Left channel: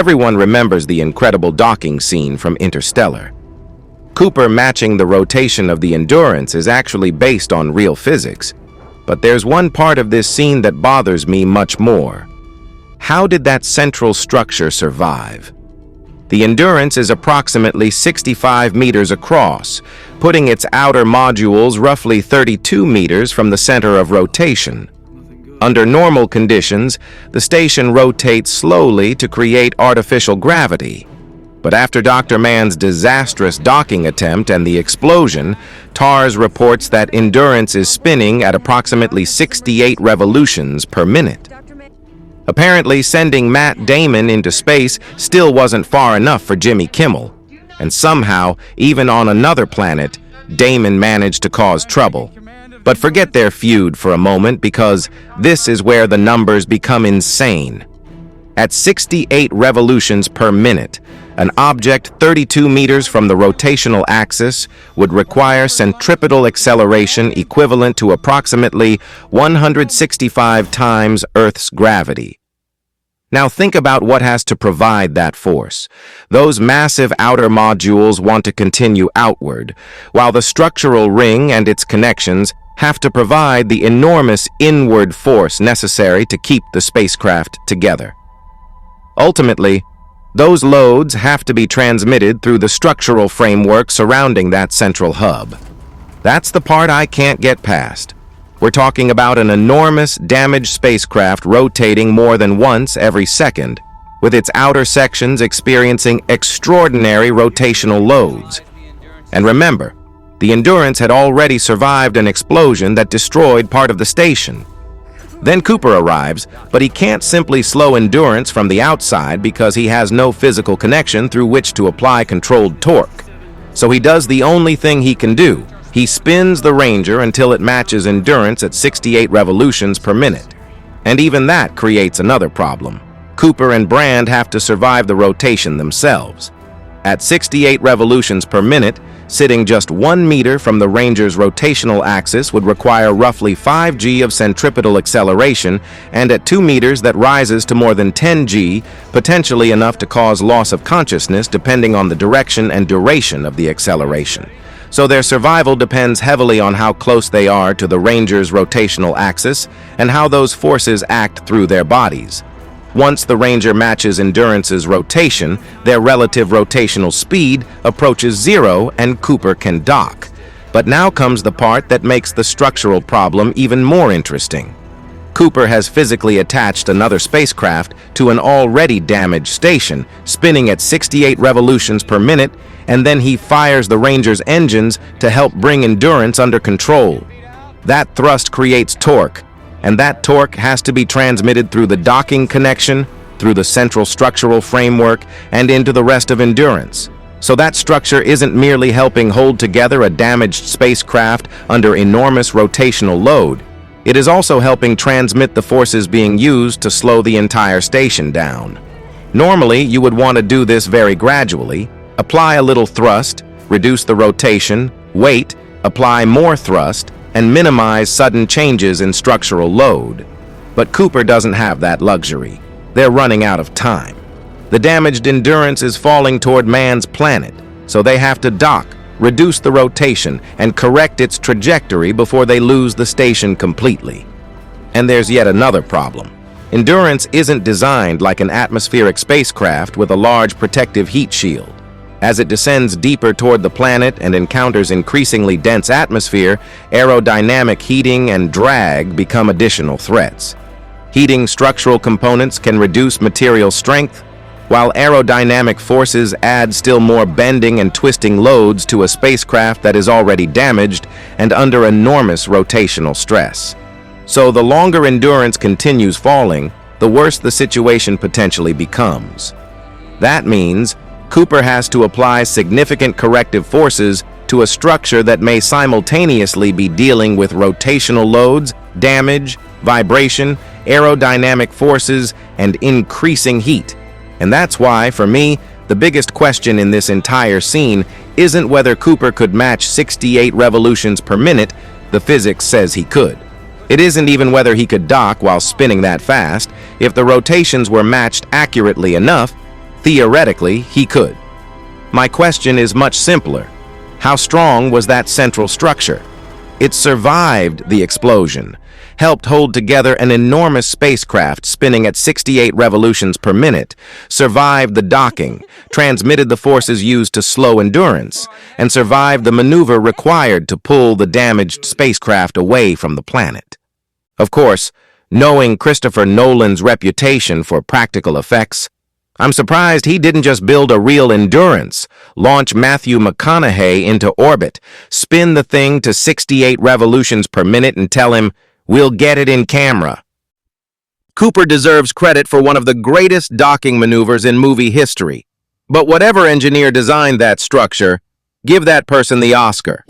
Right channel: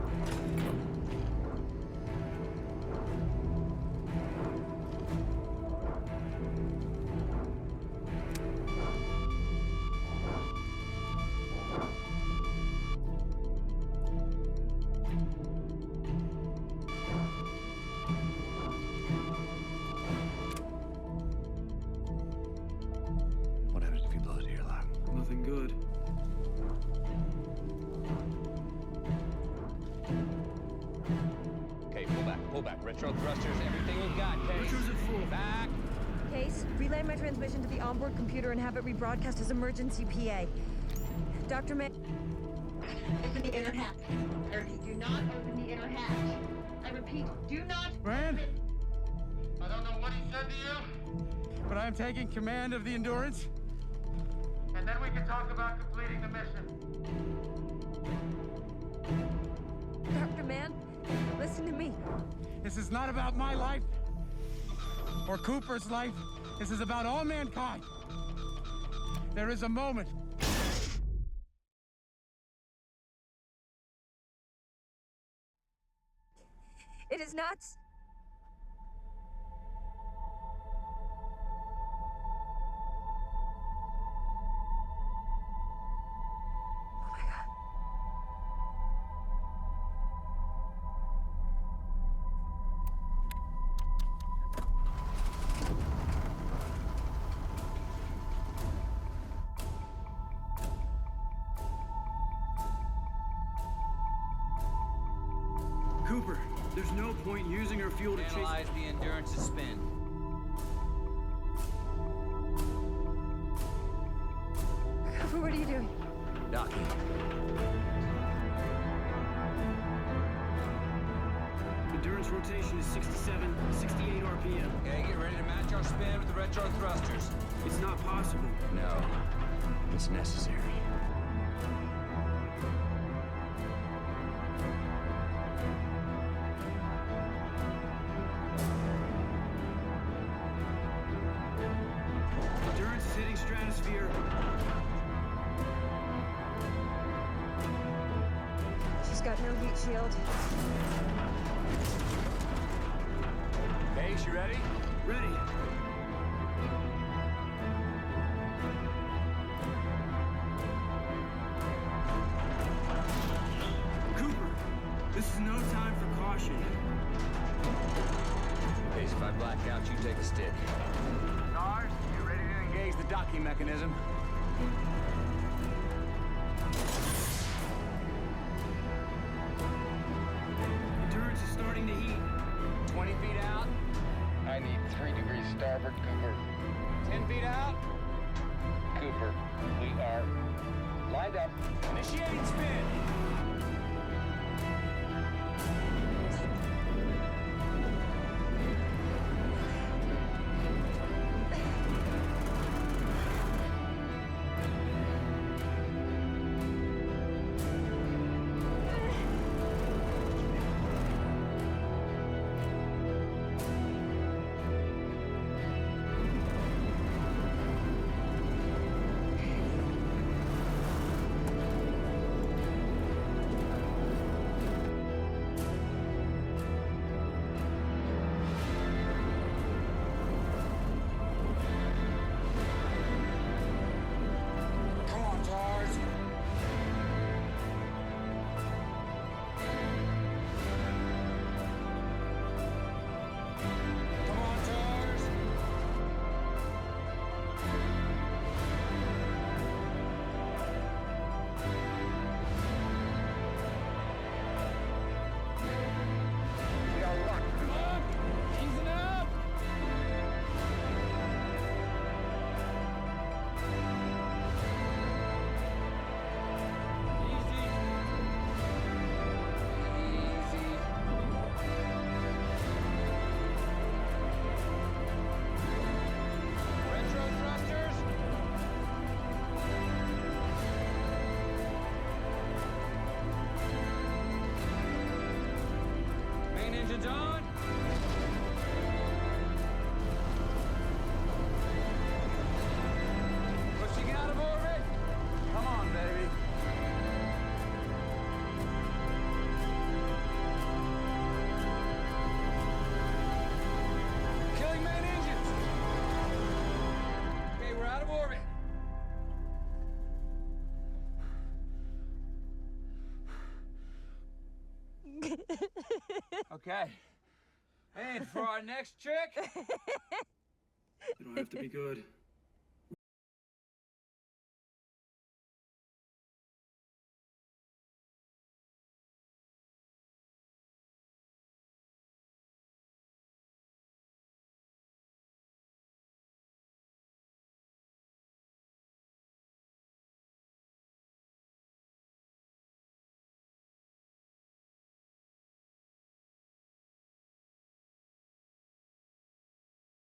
Everyone remembers the incredible docking scene from Interstellar. Cooper matching the rotation of the Endurance is actually based on real physics. But there's one part of this scene that bothers me much more. How did that central structure survive? The Endurance is approximately 65 meters across, putting its outer modules roughly 32 meters from the center of rotation. Under normal conditions, the station rotates slowly to create artificial gravity. But after Dr. Mann's disastrous docking attempt and the explosion, TARS reports that Endurance is spinning at approximately 68 revolutions per minute. Apparently, sending Matt Damon into space still wasn't far enough for Jimmy Kimmel. And somehow, even on another planet, Damon managed to cause trouble. But forget their feud for a moment, because this is where the numbers become insane. At 68 revolutions per minute, an object 32 meters from the rotational axis would require centripetal acceleration equivalent to approximately 165 times Earth's gravity. Now think about what has to provide that force. Those massive outer modules want to continue outward, while the structural ring and its connections have to provide the enormous inward force necessary to keep the spacecraft together. Ultimately, those loads have to be transmitted through the structural framework surrounding that central hub. That's the part I can't get past. We're talking about an enormous, damaged spacecraft rotating more than once every second, with its outer sections experiencing extraordinary rotational loads. And remember, the Endurance had already survived an explosion that destroyed part of the station. Then Cooper arrives, but he can't simply slow Endurance from the outside because he has no physical connection through which to apply controlled torque. So he does the only thing he can do. He spins the Ranger until it matches Endurance at 68 revolutions per minute. And even that creates another problem. Cooper and Brand have to survive the rotation themselves. At 68 revolutions per minute, sitting just 1 meter from the Ranger's rotational axis would require roughly 5 g of centripetal acceleration, and at 2 meters that rises to more than 10 g, potentially enough to cause loss of consciousness depending on the direction and duration of the acceleration. So their survival depends heavily on how close they are to the Ranger's rotational axis and how those forces act through their bodies. Once the Ranger matches Endurance's rotation, their relative rotational speed approaches zero and Cooper can dock. But now comes the part that makes the structural problem even more interesting. Cooper has physically attached another spacecraft to an already damaged station, spinning at 68 revolutions per minute, and then he fires the Ranger's engines to help bring Endurance under control. That thrust creates torque, and that torque has to be transmitted through the docking connection, through the central structural framework, and into the rest of Endurance. So that structure isn't merely helping hold together a damaged spacecraft under enormous rotational load. It is also helping transmit the forces being used to slow the entire station down. Normally, you would want to do this very gradually. Apply a little thrust, reduce the rotation, wait, apply more thrust, and minimize sudden changes in structural load. But Cooper doesn't have that luxury. They're running out of time. The damaged Endurance is falling toward Mann's planet, so they have to dock, reduce the rotation, and correct its trajectory before they lose the station completely. And there's yet another problem. Endurance isn't designed like an atmospheric spacecraft with a large protective heat shield. As it descends deeper toward the planet and encounters increasingly dense atmosphere, aerodynamic heating and drag become additional threats. Heating structural components can reduce material strength, while aerodynamic forces add still more bending and twisting loads to a spacecraft that is already damaged and under enormous rotational stress. So the longer Endurance continues falling, the worse the situation potentially becomes. That means Cooper has to apply significant corrective forces to a structure that may simultaneously be dealing with rotational loads, damage, vibration, aerodynamic forces, and increasing heat. And that's why, for me, the biggest question in this entire scene isn't whether Cooper could match 68 revolutions per minute. The physics says he could. It isn't even whether he could dock while spinning that fast. If the rotations were matched accurately enough, Theoretically, he could. My question is much simpler. How strong was that central structure? It survived the explosion, helped hold together an enormous spacecraft spinning at 68 revolutions per minute, survived the docking, transmitted the forces used to slow endurance, and survived the maneuver required to pull the damaged spacecraft away from the planet. Of course, knowing Christopher Nolan's reputation for practical effects, I'm surprised he didn't just build a real Endurance, launch Matthew McConaughey into orbit, spin the thing to 68 revolutions per minute and tell him, "We'll get it in camera." Cooper deserves credit for one of the greatest docking maneuvers in movie history. But whatever engineer designed that structure, give that person the Oscar.